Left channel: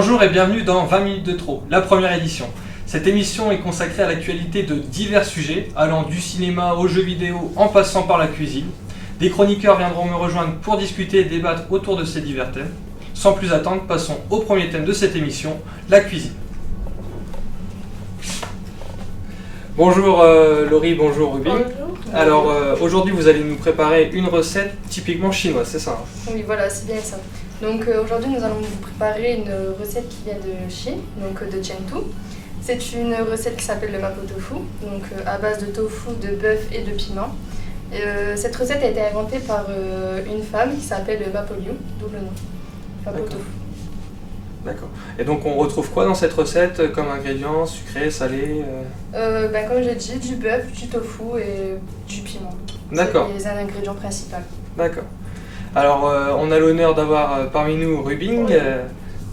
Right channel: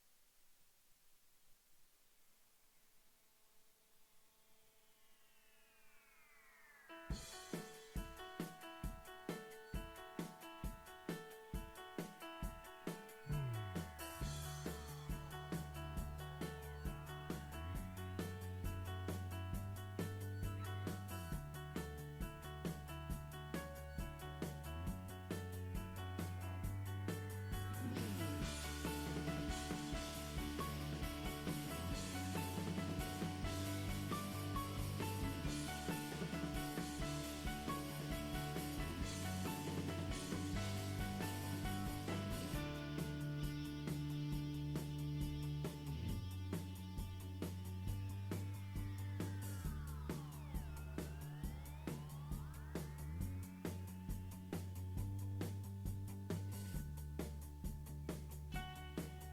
Bonjour et bienvenue dans 20 minutes de trop, la première édition. Cette émission est consacrée à l'actualité de divers sujets, allant du cinéma aux jeux vidéo en passant par la cuisine. Des chroniqueurs viendront me rejoindre pour discuter et débattre autour de ces divers thèmes. Sans plus attendre, passons au premier thème de cette émission, la cuisine. Bonjour Laurie, bonjour Ruby. Bonjour. Alors aujourd'hui vous allez nous préparer une recette typiquement chinoise, c'est ça? Oui, voilà, c'est bien ça. Donc aujourd'hui nous allons vous préparer une recette qui vient de Chine, donc de Chengdu. C'est une recette qui s'appelle le mapo tofu, donc à base de tofu, de bœuf et de piment. Cette recette a été inventée par une femme qui s'appelle Mapo Liu, d'où le nom, mapo tofu. D'accord. Et donc on retrouve quoi dans cette recette comme ingrédients, sucré, salé Comme j'ai dit, du bœuf, du tofu et du piment. D'accord. C'est les ingrédients principaux. D'accord. Alors on a l'honneur d'avoir parmi nous Rubing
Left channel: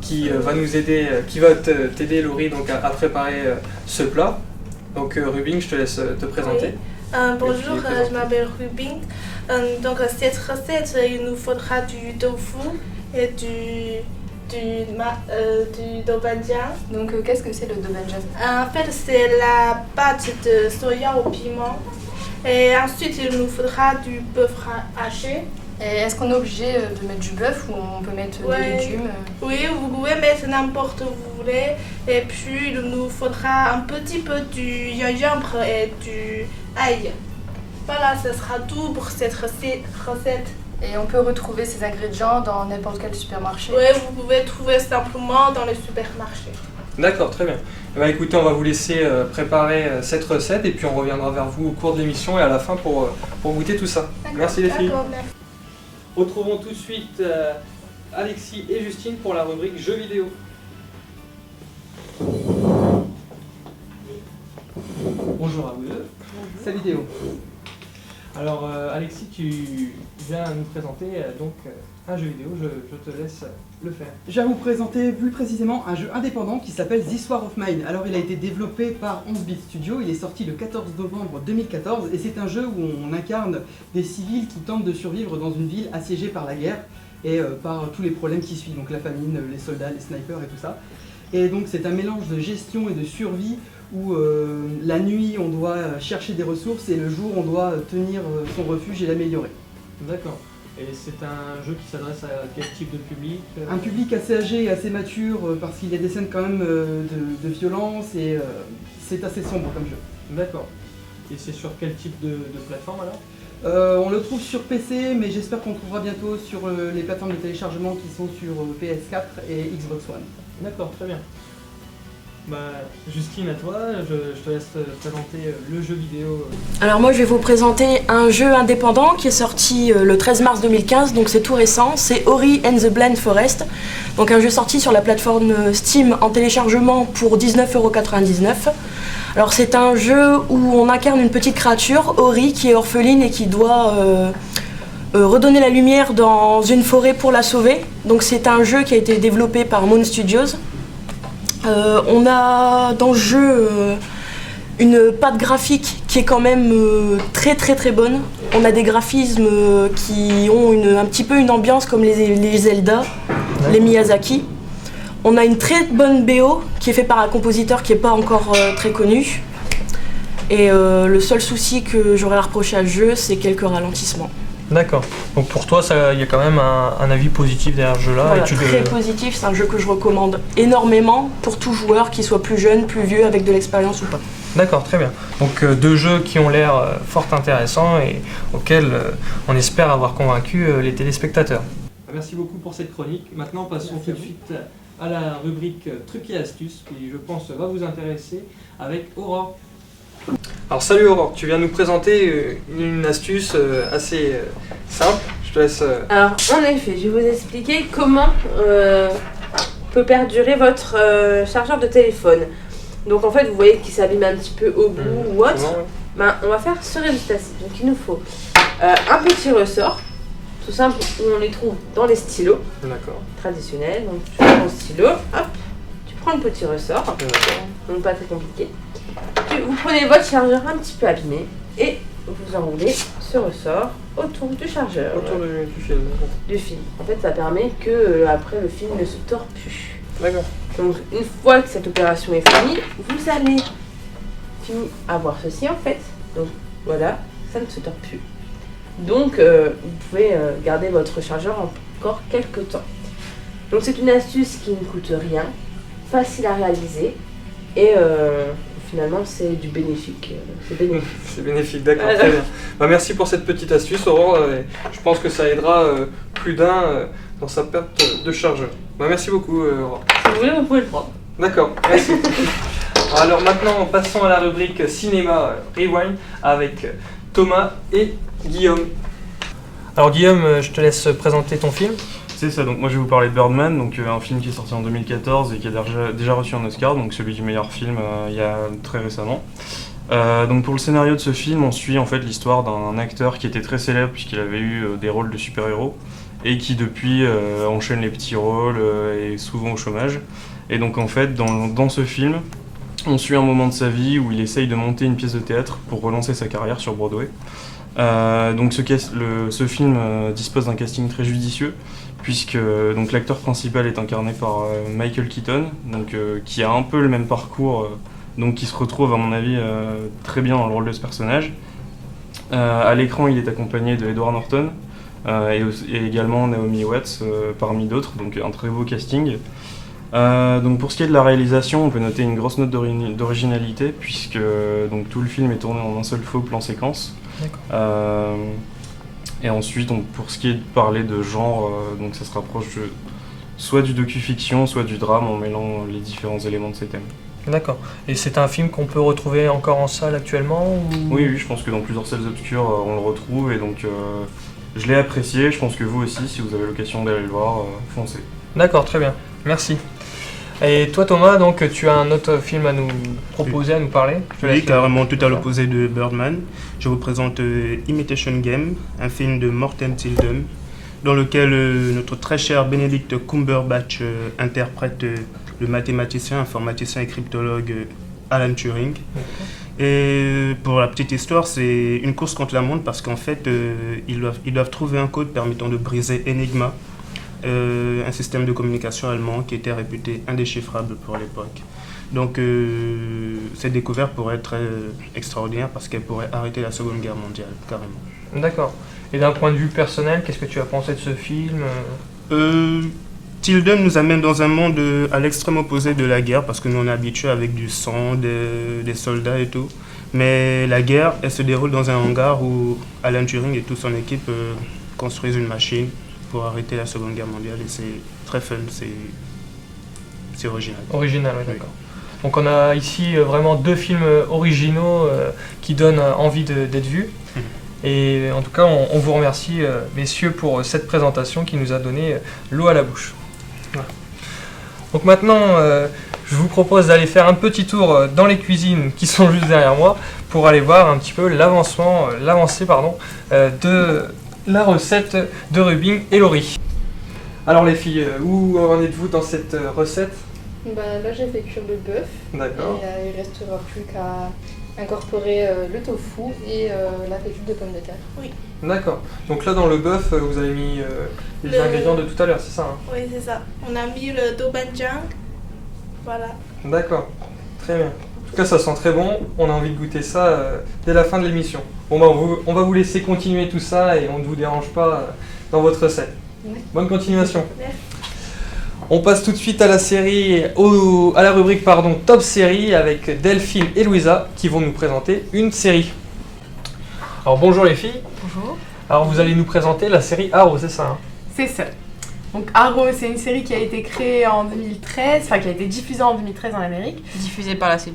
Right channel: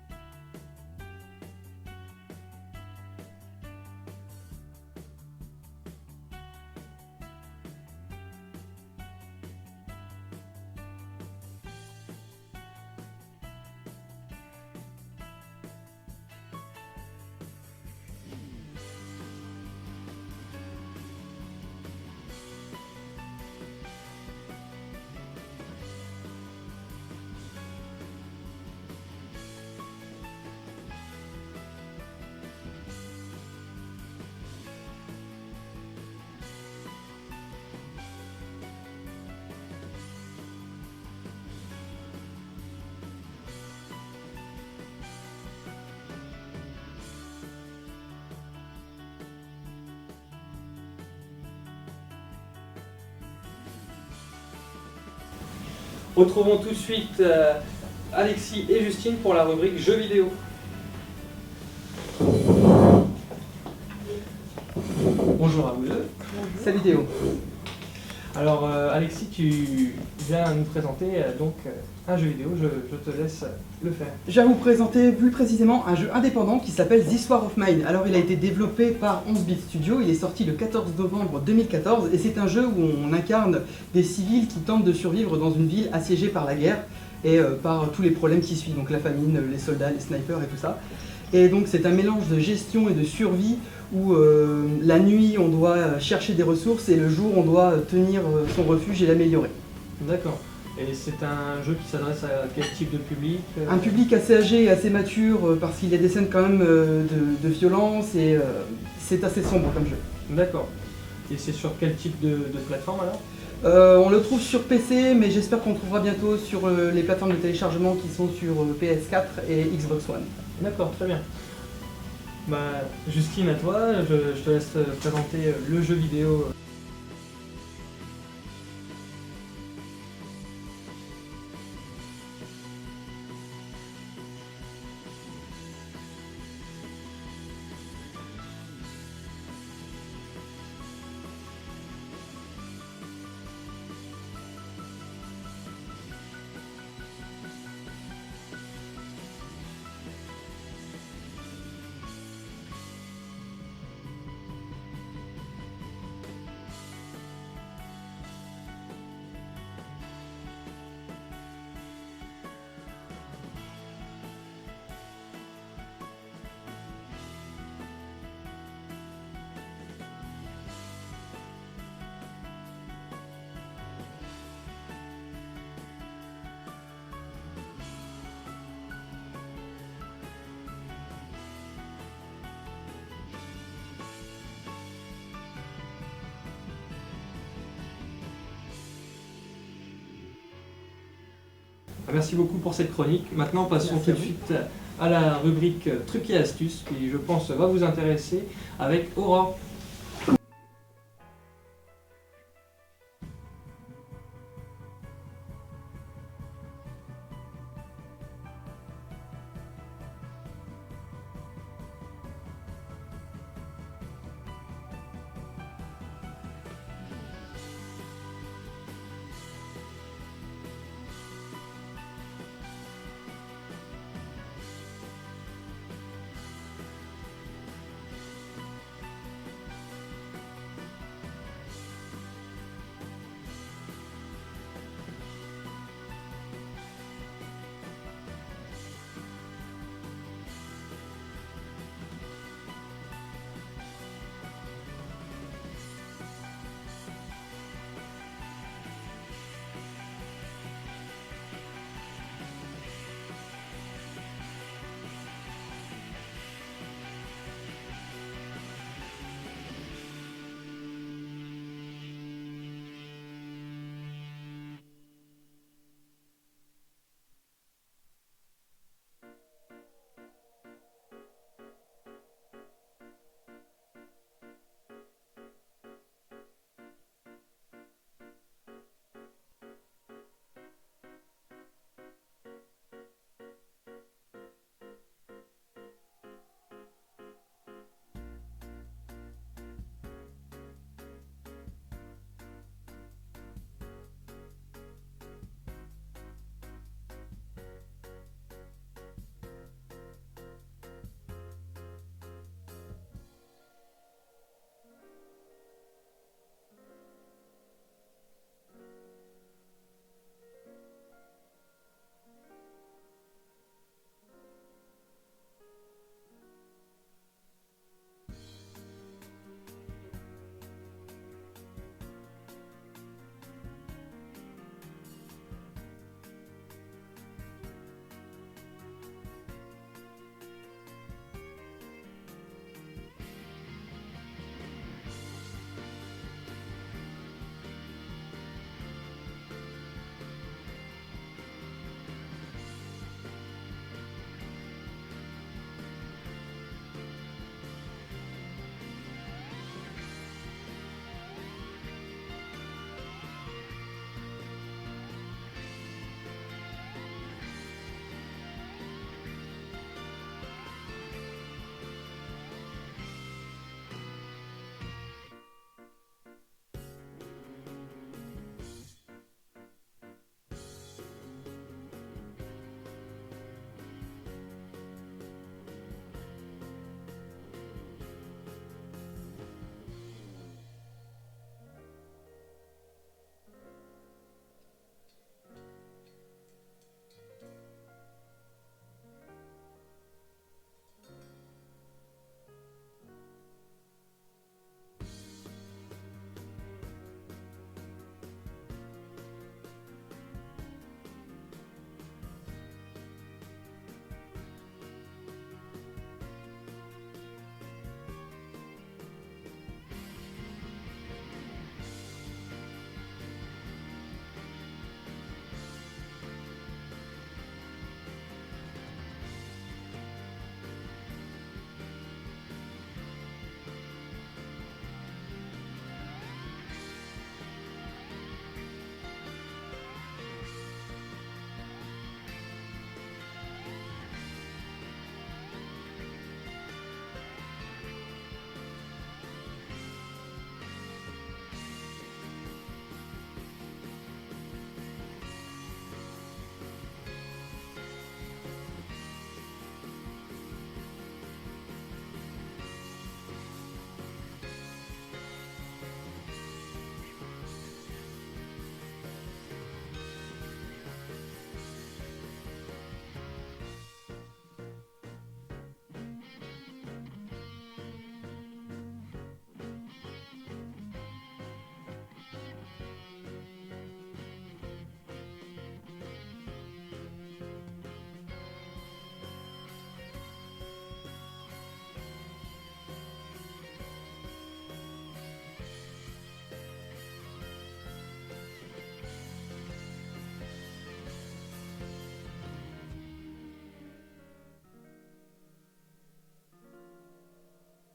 qui va nous aider, qui va t'aider Laurie donc, à préparer ce plat. Donc Rubing, je te laisse te présenter. Oui. Bonjour, je m'appelle Rubing. Donc cette recette, il nous faudra du tofu et du dobanjian. Donc qu'est-ce que c'est le dobanjian? En fait, c'est la pâte de soya au piment. Et ensuite, il nous faudra du bœuf haché. Et est-ce qu'on est obligé de mettre du bœuf ou on peut mettre des légumes? Oui, vous pouvez mettre n'importe où vous voulez. Et puis, il nous faudra un petit peu du gingembre et du ail. Voilà, ce sera tout pour cette recette. Et on peut retrouver ces ingrédients dans n'importe quel supermarché? Oui, vous pouvez trouver simplement dans les supermarchés. D'accord, très bien. Écoutez, on va vous laisser préparer cette recette et puis on reviendra vers vous au cours de l'émission et à la fin pour goûter tout ça. Merci les filles. Merci. Retrouvons tout de suite Alexis et Justine pour la rubrique jeux vidéo. Bonjour à vous deux. Salut Théo. Alors Alexis, tu viens nous présenter un jeu vidéo, je te laisse le faire. Je vais vous présenter plus précisément un jeu indépendant qui s'appelle This War of Mine. Alors il a été développé par 11-bit Studio, il est sorti le 14 novembre 2014 et c'est un jeu où on incarne des civils qui tentent de survivre dans une ville assiégée par la guerre et par tous les problèmes qui suivent, donc la famine, les soldats, les snipers et tout ça. Et donc c'est un mélange de gestion et de survie où la nuit on doit chercher des ressources et le jour on doit tenir son refuge et l'améliorer. D'accord. Et c'est un jeu qui s'adresse à quel type de public? Un public assez âgé et assez mature parce qu'il y a des scènes quand même de violence et c'est assez sombre comme jeu. D'accord. Et c'est sur quel type de plateforme alors? On le trouve sur PC mais j'espère qu'on le trouvera bientôt sur les plateformes de téléchargement qui sont sur PS4 et Xbox One. D'accord, très bien. Justine, à toi, je te laisse présenter le jeu vidéo. Alors moi je vais vous présenter un jeu indépendant qui est sorti le 13 mars 2015, donc c'est tout récent, c'est Ori and the Blind Forest. Donc un jeu sorti sur la plateforme Steam en téléchargement pour 19,99 €. Alors c'est un jeu où on incarne une petite créature, Ori, qui est orpheline et qui doit redonner la lumière dans une forêt pour la sauver. Donc c'est un jeu qui a été développé par Moon Studios. On a dans le jeu une patte graphique qui est quand même très bonne. On a des graphismes qui ont un petit peu une ambiance comme les Zelda, les Miyazaki. On a une très bonne BO qui est faite par un compositeur qui n'est pas encore très connu. Et le seul souci que j'aurais à reprocher à le jeu, c'est quelques ralentissements. D'accord. Donc pour toi, il y a quand même un avis positif derrière ce jeu-là. Voilà, très positif, c'est un jeu que je recommande énormément pour tout joueur, qu'il soit plus jeune, plus vieux, avec de l'expérience ou pas. D'accord, très bien. Donc deux jeux qui ont l'air fort intéressants et auxquels on espère avoir convaincu les téléspectateurs. Merci beaucoup pour cette chronique. Maintenant, passons tout de suite à la rubrique trucs et astuces qui, je pense, va vous intéresser avec Aurore. Alors salut Aurore, tu viens nous présenter une astuce assez simple, je te laisse... Alors en effet, je vais vous expliquer comment peut perdurer votre chargeur de téléphone. Donc en fait, vous voyez qu'il s'abîme un petit peu au bout ou autre. On va faire ce résultat-ci. Donc il nous faut un petit ressort, tout simple, où on les trouve dans les stylos traditionnels. Donc tu prends ton stylo, hop, tu prends le petit ressort, donc pas très compliqué. Vous prenez votre chargeur un petit peu abîmé et vous enroulez ce ressort autour du chargeur. Autour du fil. Du fil. En fait, ça permet que après le fil ne se tord plus. D'accord. Donc une fois que cette opération est finie, vous allez avoir ceci en fait. Donc voilà, ça ne se tord plus. Donc vous pouvez garder votre chargeur encore quelques temps. Donc c'est une astuce qui ne coûte rien, facile à réaliser et finalement c'est du bénéfique. C'est bénéfique. C'est bénéfique, d'accord, très bien. Bah, merci pour cette petite astuce, Aurore. Je pense que ça aidera plus d'un dans sa perte de chargeur. Bah, merci beaucoup, Aurore. Si vous voulez, vous pouvez le prendre. D'accord, merci. Alors maintenant, passons à la rubrique Cinéma Rewind avec Thomas et Guillaume. Alors Guillaume, je te laisse présenter ton film. C'est ça, donc moi je vais vous parler de Birdman, donc un film qui est sorti en 2014 et qui a déjà reçu un Oscar, donc celui du meilleur film il y a très récemment. Donc pour le scénario de ce film, on suit en fait l'histoire d'un acteur qui était très célèbre puisqu'il avait eu des rôles de super-héros et qui depuis enchaîne les petits rôles et souvent au chômage. Et donc en fait dans ce film, on suit un moment de sa vie où il essaye de monter une pièce de théâtre pour relancer sa carrière sur Broadway. Donc ce film dispose d'un casting très judicieux puisque donc l'acteur principal est incarné par Michael Keaton, donc, qui a un peu le même parcours, donc qui se retrouve à mon avis très bien dans le rôle de ce personnage. À l'écran il est accompagné de Edward Norton et également Naomi Watts parmi d'autres, donc un très beau casting. Donc pour ce qui est de la réalisation, on peut noter une grosse note d'originalité puisque donc, tout le film est tourné en un seul faux plan séquence. Et ensuite, pour ce qui est de parler de genre, donc ça se rapproche soit du docu-fiction, soit du drame en mêlant les différents éléments de ces thèmes. D'accord. Et c'est un film qu'on peut retrouver encore en salle actuellement ou... Oui, je pense que dans plusieurs salles obscures, on le retrouve et donc je l'ai apprécié. Je pense que vous aussi, si vous avez l'occasion d'aller le voir, foncez. D'accord, très bien. Merci. Et toi Thomas, donc tu as un autre film à nous proposer, à nous parler? Oui, carrément tout à l'opposé de Birdman. Je vous présente Imitation Game, un film de Morten Tyldum, dans lequel notre très cher Benedict Cumberbatch interprète le mathématicien, informaticien et cryptologue Alan Turing. Et pour la petite histoire, c'est une course contre la montre parce qu'en fait, ils doivent trouver un code permettant de briser Enigma, un système de communication allemand qui était réputé indéchiffrable pour l'époque. Donc cette découverte pourrait être extraordinaire parce qu'elle pourrait arrêter la Seconde Guerre mondiale, carrément. D'accord. Et d'un point de vue personnel, qu'est-ce que tu as pensé de ce film? Tyldum nous amène dans un monde à l'extrême opposé de la guerre parce que nous on est habitués avec du sang, des soldats et tout. Mais la guerre, elle se déroule dans un hangar où Alan Turing et toute son équipe construisent une machine pour arrêter la Seconde Guerre mondiale et c'est très fun, c'est original. Original, oui, d'accord. Donc on a ici vraiment deux films originaux qui donnent envie d'être vus. Et en tout cas, on vous remercie, messieurs, pour cette présentation qui nous a donné l'eau à la bouche. Voilà. Donc maintenant, je vous propose d'aller faire un petit tour dans les cuisines qui sont juste derrière moi pour aller voir un petit peu l'avancée de la recette de Rubin et Laurie. Alors les filles, où en êtes-vous dans cette recette? Bah, là j'ai fait cuire le bœuf. D'accord. Et il restera plus qu'à incorporer le tofu et la pétite de pommes de terre. Oui. D'accord. Donc là dans le bœuf, vous avez mis les ingrédients de tout à l'heure, c'est ça hein? Oui, c'est ça. On a mis le dobanjang. Voilà. D'accord. Très bien. En tout cas, ça sent très bon. On a envie de goûter ça dès la fin de l'émission. Bon, bah, on va vous laisser continuer tout ça et on ne vous dérange pas dans votre recette. Oui. Bonne continuation. Merci. On passe tout de suite à la série, à la rubrique Top Série avec Delphine et Louisa qui vont nous présenter une série. Alors bonjour les filles. Bonjour. Alors vous allez nous présenter la série Arrow, c'est ça hein? C'est ça. Donc Arrow, c'est une série qui a été créée en 2013, enfin qui a été diffusée en 2013 en Amérique. Diffusée par la CW.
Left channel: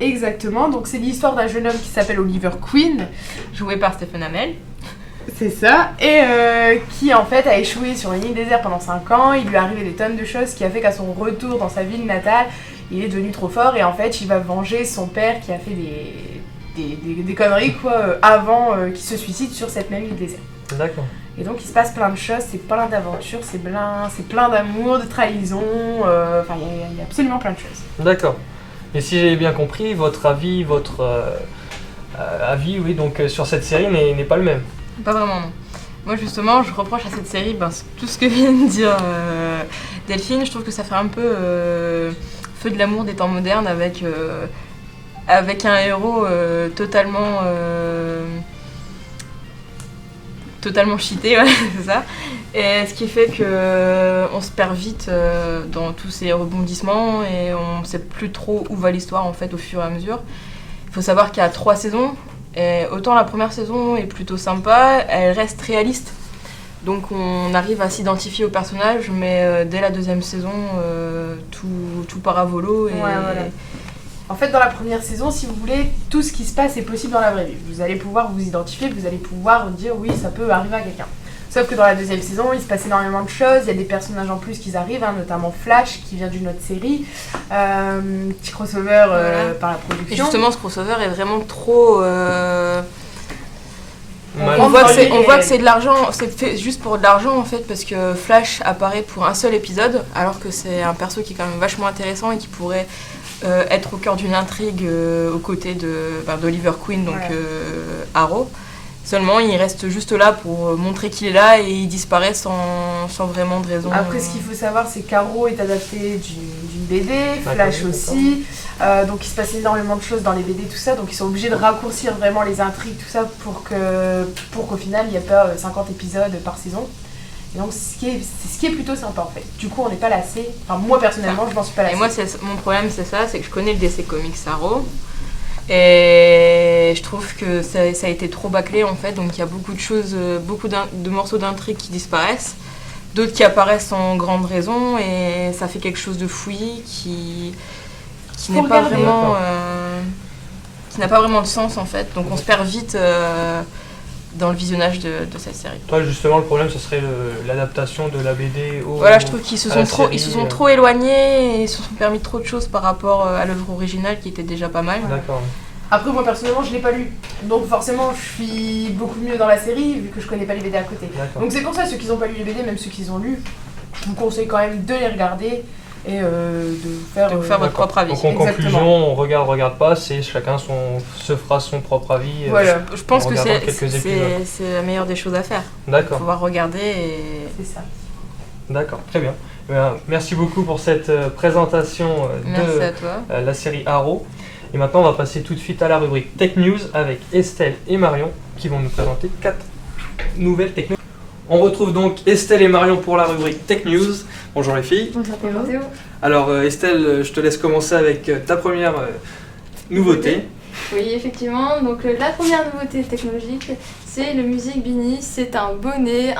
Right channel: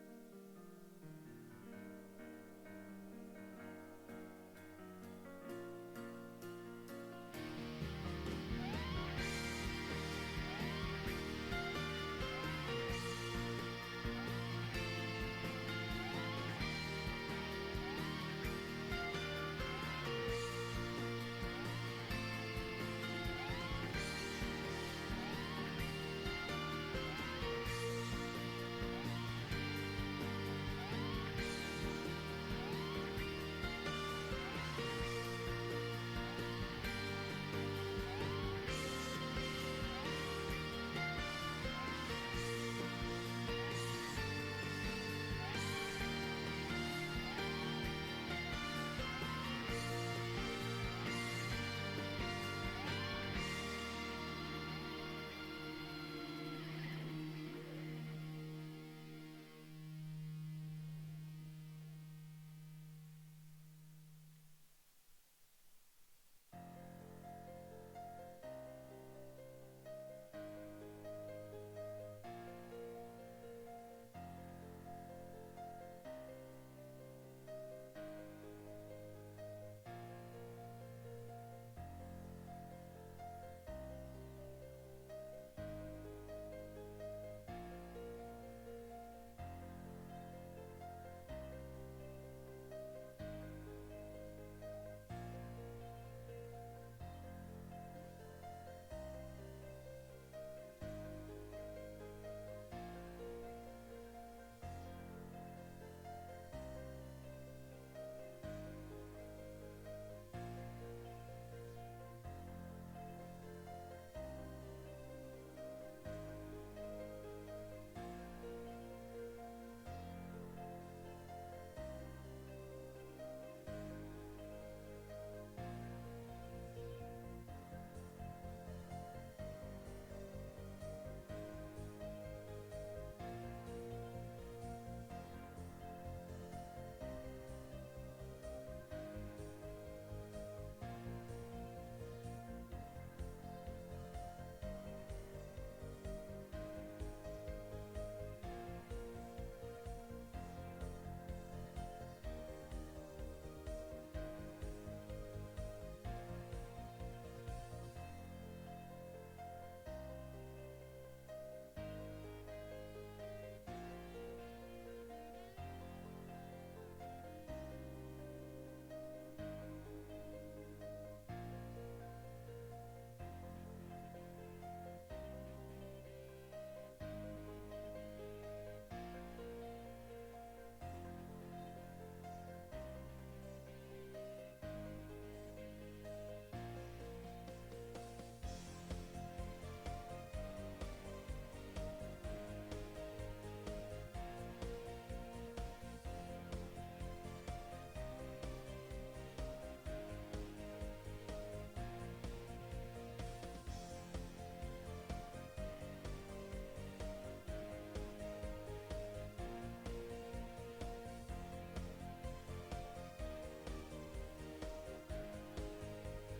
Exactement, donc c'est l'histoire d'un jeune homme qui s'appelle Oliver Queen. Joué par Stephen Amell. C'est ça, et qui en fait a échoué sur une île déserte pendant 5 ans. Il lui est arrivé des tonnes de choses, ce qui a fait qu'à son retour dans sa ville natale, il est devenu trop fort et en fait il va venger son père qui a fait des conneries avant qu'il se suicide sur cette même île déserte. D'accord. Et donc il se passe plein de choses, c'est plein d'aventures, c'est plein d'amour, de trahison, enfin il y a absolument plein de choses. D'accord. Et si j'ai bien compris, votre avis, oui, donc sur cette série n'est pas le même. Pas vraiment, non. Moi justement, je reproche à cette série tout ce que vient de dire Delphine. Je trouve que ça fait un peu feu de l'amour des temps modernes avec un héros totalement cheaté, ouais, c'est ça. Et ce qui fait qu'on se perd vite dans tous ces rebondissements et on ne sait plus trop où va l'histoire en fait au fur et à mesure. Il faut savoir qu'il y a 3 saisons et autant la première saison est plutôt sympa, elle reste réaliste. Donc on arrive à s'identifier au personnage, mais dès la 2e saison, tout part à volo. Et... Ouais, voilà. En fait, dans la première saison, si vous voulez, tout ce qui se passe est possible dans la vraie vie. Vous allez pouvoir vous identifier, vous allez pouvoir dire oui, ça peut arriver à quelqu'un. Sauf que dans la 2e saison, il se passe énormément de choses, il y a des personnages en plus qui arrivent, notamment Flash qui vient d'une autre série, petit crossover par la production. Et justement, ce crossover est vraiment trop... On voit que c'est de l'argent, c'est fait juste pour de l'argent en fait, parce que Flash apparaît pour un seul épisode, alors que c'est un perso qui est quand même vachement intéressant et qui pourrait être au cœur d'une intrigue aux côtés d'Oliver Queen, donc Arrow. Seulement, il reste juste là pour montrer qu'il est là et il disparaît sans vraiment de raison. Après, ce qu'il faut savoir, c'est qu'Arrow est adapté d'une BD, Flash aussi. Donc, il se passe énormément de choses dans les BD, tout ça. Donc, ils sont obligés de raccourcir vraiment les intrigues, tout ça, pour qu'au final, il n'y ait pas 50 épisodes par saison. Et donc, c'est ce qui est plutôt sympa, en fait. Du coup, on n'est pas lassé. Enfin, moi, personnellement, je m'en suis pas lassée. Et moi, mon problème, c'est ça, c'est que je connais le DC Comics Arrow. Et je trouve que ça a été trop bâclé en fait, donc il y a beaucoup de choses, beaucoup de morceaux d'intrigue qui disparaissent, d'autres qui apparaissent sans grande raison et ça fait quelque chose de fouillis qui n'est pas vraiment, qui n'a pas vraiment de sens en fait, donc on se perd vite dans le visionnage de cette série. Toi justement le problème ce serait l'adaptation de la BD au... Voilà, je trouve qu'ils se sont trop éloignés et ils se sont permis trop de choses par rapport à l'œuvre originale qui était déjà pas mal. D'accord. Après moi personnellement je l'ai pas lu, donc forcément je suis beaucoup mieux dans la série vu que je connais pas les BD à côté. Donc c'est pour ça ceux qui n'ont pas lu les BD, même ceux qui les ont lus, je vous conseille quand même de les regarder et de faire votre propre avis. Donc en conclusion, on regarde pas, c'est chacun se fera son propre avis. Voilà, je pense que c'est la meilleure des choses à faire. D'accord. Pouvoir regarder et... C'est ça. D'accord, très bien. Merci beaucoup pour cette présentation de la série Arrow. Et maintenant, on va passer tout de suite à la rubrique Tech News avec Estelle et Marion qui vont nous présenter 4 nouvelles technologies. On retrouve donc Estelle et Marion pour la rubrique Tech News. Bonjour les filles. Bonjour Théo. Alors Estelle, je te laisse commencer avec ta première nouveauté. Oui, effectivement. Donc la première nouveauté technologique, c'est le Music Beanie. C'est un bonnet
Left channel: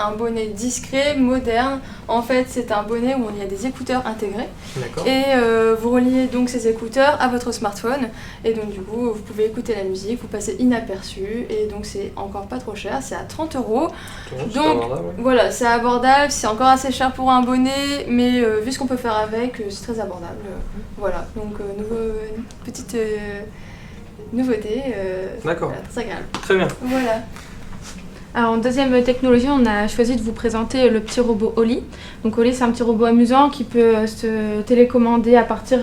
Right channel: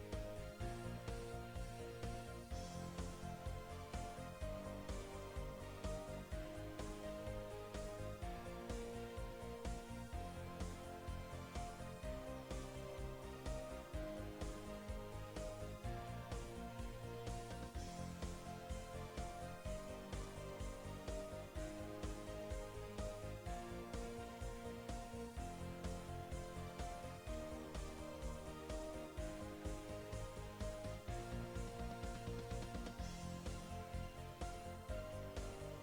discret, moderne. En fait, c'est un bonnet où il y a des écouteurs intégrés. D'accord. Et vous reliez donc ces écouteurs à votre smartphone. Et donc du coup, vous pouvez écouter la musique, vous passez inaperçu. Et donc c'est encore pas trop cher, c'est à 30 €. Donc voilà, c'est abordable. C'est encore assez cher pour un bonnet, mais vu ce qu'on peut faire avec, c'est très abordable. Voilà, donc petite... nouveauté, d'accord. Voilà, très agréable. Très bien. Voilà. Alors en deuxième technologie, on a choisi de vous présenter le petit robot Oli. Donc Oli, c'est un petit robot amusant qui peut se télécommander à partir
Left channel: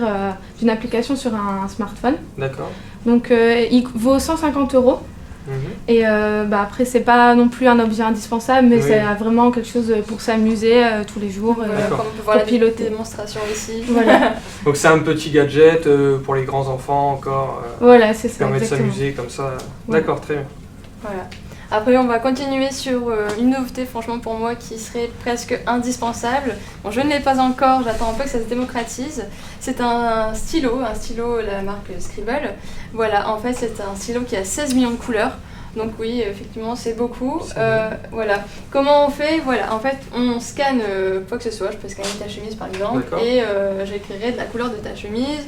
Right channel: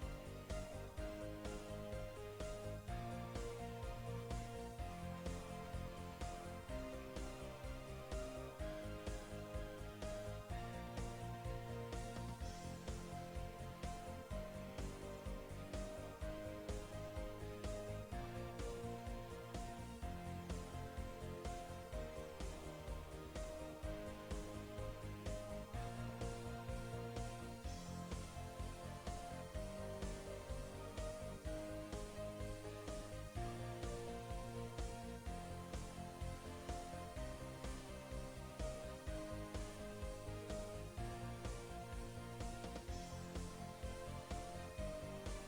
d'une application sur un smartphone. D'accord. Donc il vaut 150 €. Et après, c'est pas non plus un objet indispensable, mais c'est vraiment quelque chose pour s'amuser tous les jours. Comme on peut voir la démonstration ici. Voilà. Donc c'est un petit gadget pour les grands enfants encore. Voilà, c'est ça. Qui permet de exactement. s'amuser comme ça. D'accord, très bien. Voilà. Après, on va continuer sur une nouveauté, franchement, pour moi, qui serait presque indispensable. Bon, je ne l'ai pas encore, j'attends un peu que ça se démocratise. C'est un stylo, la marque Scribble. Voilà, en fait, c'est un stylo qui a 16 millions de couleurs. Donc oui, effectivement, c'est beaucoup. Voilà. Comment on fait? Voilà, en fait, on scanne quoi que ce soit. Je peux scanner ta chemise, par exemple, et j'écrirai de la couleur de ta chemise.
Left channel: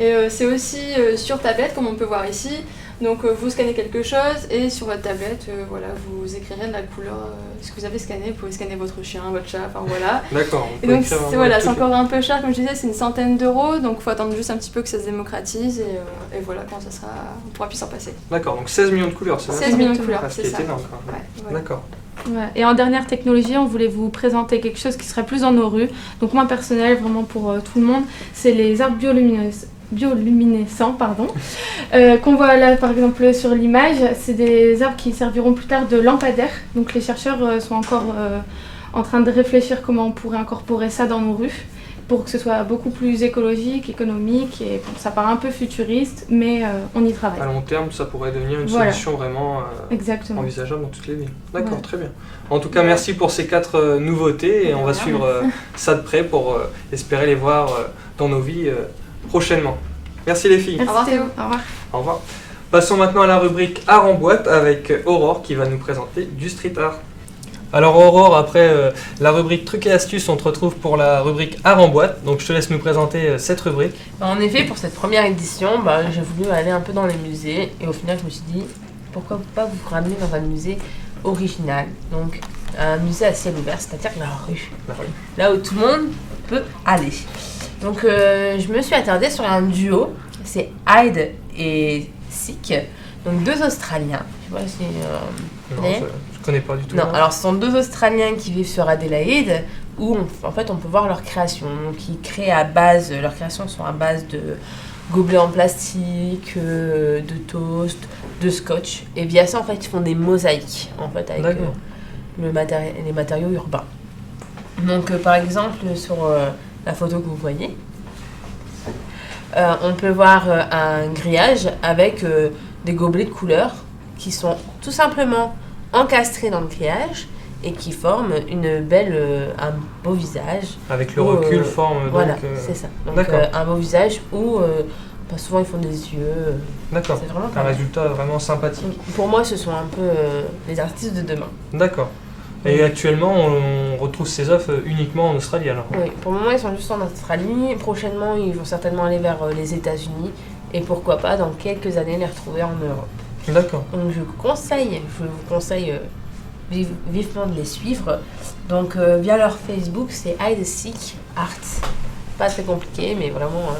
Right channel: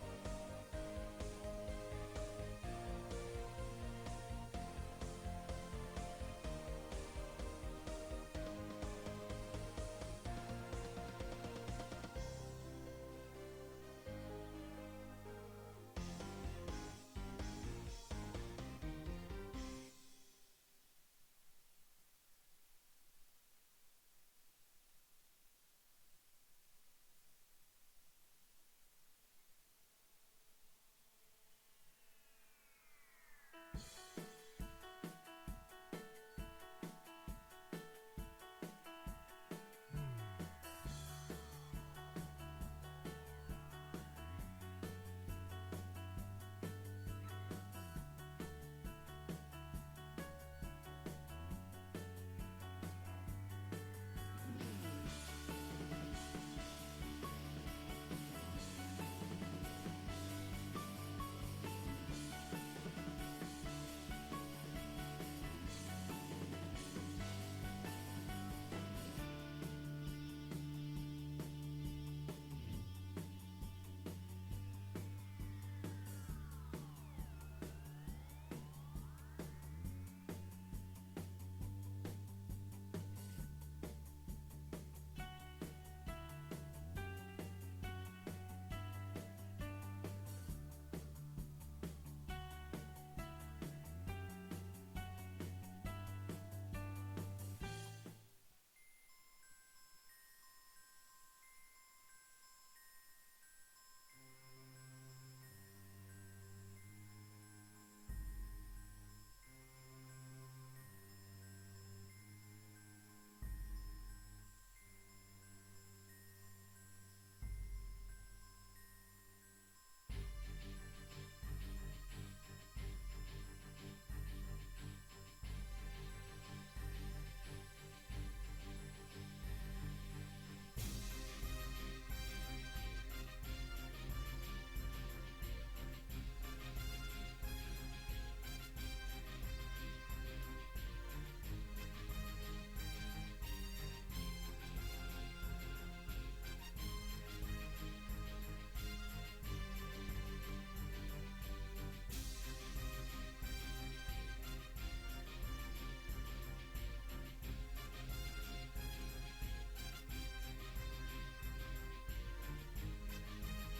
Et c'est aussi sur tablette, comme on peut voir ici. Donc vous scannez quelque chose et sur votre tablette, voilà, vous écrirez de la couleur, ce que vous avez scanné. Vous pouvez scanner votre chien, votre chat, enfin voilà. D'accord. Et donc c'est encore un peu cher, comme je disais, c'est une centaine d'euros. Donc il faut attendre juste un petit peu que ça se démocratise et voilà, quand ça sera, on pourra plus s'en passer. D'accord, donc 16 millions de couleurs, c'est 16 millions de couleurs, c'est ça. Énorme, quoi. Ouais, voilà. D'accord. Ouais. Et en dernière technologie, on voulait vous présenter quelque chose qui serait plus dans nos rues. Donc moi personnel, vraiment pour tout le monde, c'est les arbres biolumineuses. bioluminescents, qu'on voit là par exemple sur l'image. C'est des arbres qui serviront plus tard de lampadaires. Donc les chercheurs sont encore en train de réfléchir comment on pourrait incorporer ça dans nos rues pour que ce soit beaucoup plus écologique, économique, et bon, ça paraît un peu futuriste, mais on y travaille. À long terme, ça pourrait devenir une Voilà. solution vraiment Exactement. envisageable dans toutes les villes. D'accord, Voilà. très bien. En tout cas, merci pour ces 4 nouveautés et on va suivre ça de près pour espérer les voir dans nos vies prochainement. Merci les filles. Merci Théo. Au revoir. Au revoir. Passons maintenant à la rubrique Art en boîte avec Aurore qui va nous présenter du street art. Alors Aurore, après la rubrique trucs et astuces, on te retrouve pour la rubrique Art en boîte. Donc je te laisse nous présenter cette rubrique. En effet, pour cette première édition, j'ai voulu aller un peu dans les musées et au final, je me suis dit pourquoi pas vous ramener dans un musée original. Donc un musée à ciel ouvert, c'est-à-dire la rue. Là où tout le monde peut aller. Donc je me suis attardée sur un duo, c'est Hyde et Seek, donc 2 Australiens. Je sais pas si Je connais pas du tout. non, alors ce sont 2 Australiens qui vivent sur Adélaïde où en fait on peut voir leur création. Donc ils créent leurs créations sont à base de gobelets en plastique, de toast, de scotch. Et via ça en fait ils font des mosaïques en fait avec les matériaux urbains. Donc par exemple sur la photo que vous voyez, on peut voir un grillage avec des gobelets de couleur qui sont tout simplement encastrés dans le grillage et qui forment un beau visage. Avec le recul forme voilà, donc... c'est ça. Donc D'accord. un beau visage où souvent ils font des yeux. D'accord, C'est vraiment un résultat vraiment sympathique. Pour moi, ce sont un peu les artistes de demain. D'accord. Et actuellement, on retrouve ces œuvres uniquement en Australie alors? Oui, pour le moment, ils sont juste en Australie. Prochainement, ils vont certainement aller vers les États-Unis. Et pourquoi pas, dans quelques années, les retrouver en Europe. D'accord. Donc, je vous conseille vivement de les suivre. Donc, via leur Facebook, c'est Hyde Seek Art. Pas très compliqué, mais vraiment,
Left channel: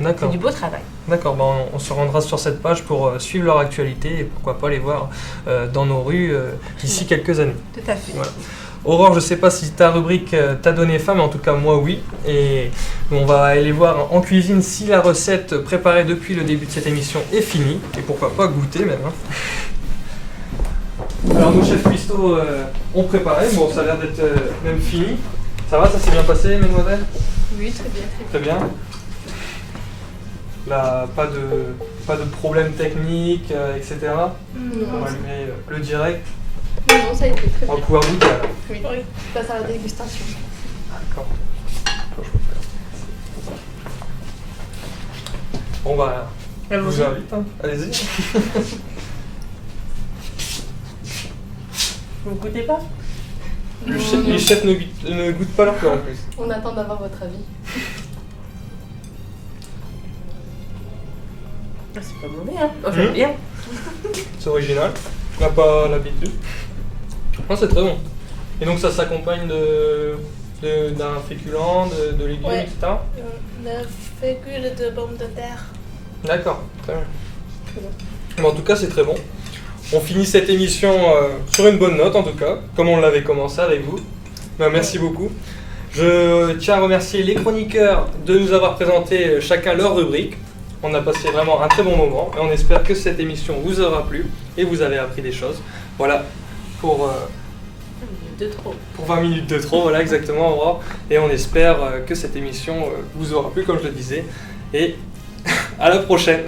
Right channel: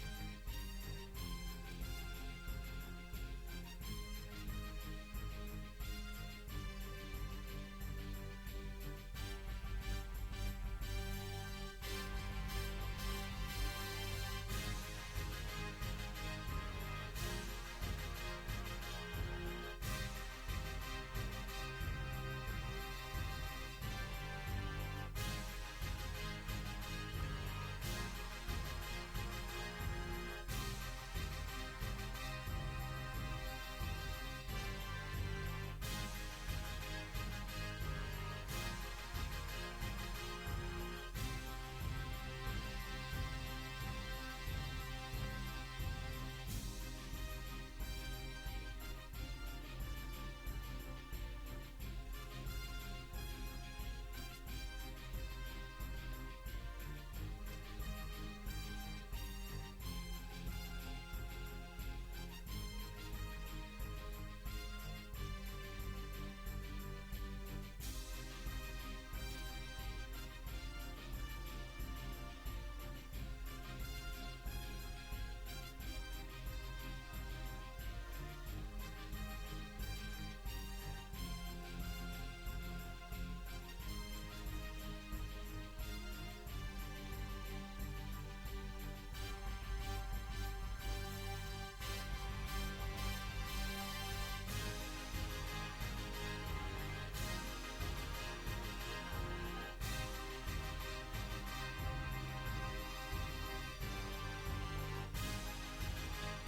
c'est du beau travail. D'accord, on se rendra sur cette page pour suivre leur actualité et pourquoi pas les voir dans nos rues d'ici quelques années. Tout à fait. Voilà. Aurore, je ne sais pas si ta rubrique t'a donné faim, mais en tout cas moi oui. Et on va aller voir en cuisine si la recette préparée depuis le début de cette émission est finie. Et pourquoi pas goûter même. Alors nos chefs cuistots ont préparé, bon ça a l'air d'être même fini. Ça va, ça s'est bien passé mesdemoiselles? Oui, très bien. Très bien. Là, pas de problème technique, etc. On va allumer le direct. Non, ça a été très On bien. va pouvoir goûter alors. Oui, je passe à la dégustation. D'accord. Bon bah, je vous invite, hein. Allez-y. Vous ne goûtez pas? Les chefs ne goûtent pas leur plat en plus. On attend d'avoir votre avis. C'est pas mauvais, hein? J'aime bien. C'est original. On n'a pas l'habitude. Non, c'est très bon. Et donc ça s'accompagne d'un féculent, de légumes, Ouais. etc. Le fécule de pommes de terre. D'accord, très bien. Mais en tout cas, c'est très bon. On finit cette émission sur une bonne note, en tout cas, comme on l'avait commencé avec vous. Merci beaucoup. Je tiens à remercier les chroniqueurs de nous avoir présenté chacun leur rubrique. On a passé vraiment un très bon moment et on espère que cette émission vous aura plu et vous avez appris des choses. Voilà, pour 20 minutes de trop, voilà exactement, Aurore. Et on espère que cette émission vous aura plu, comme je le disais. Et à la prochaine.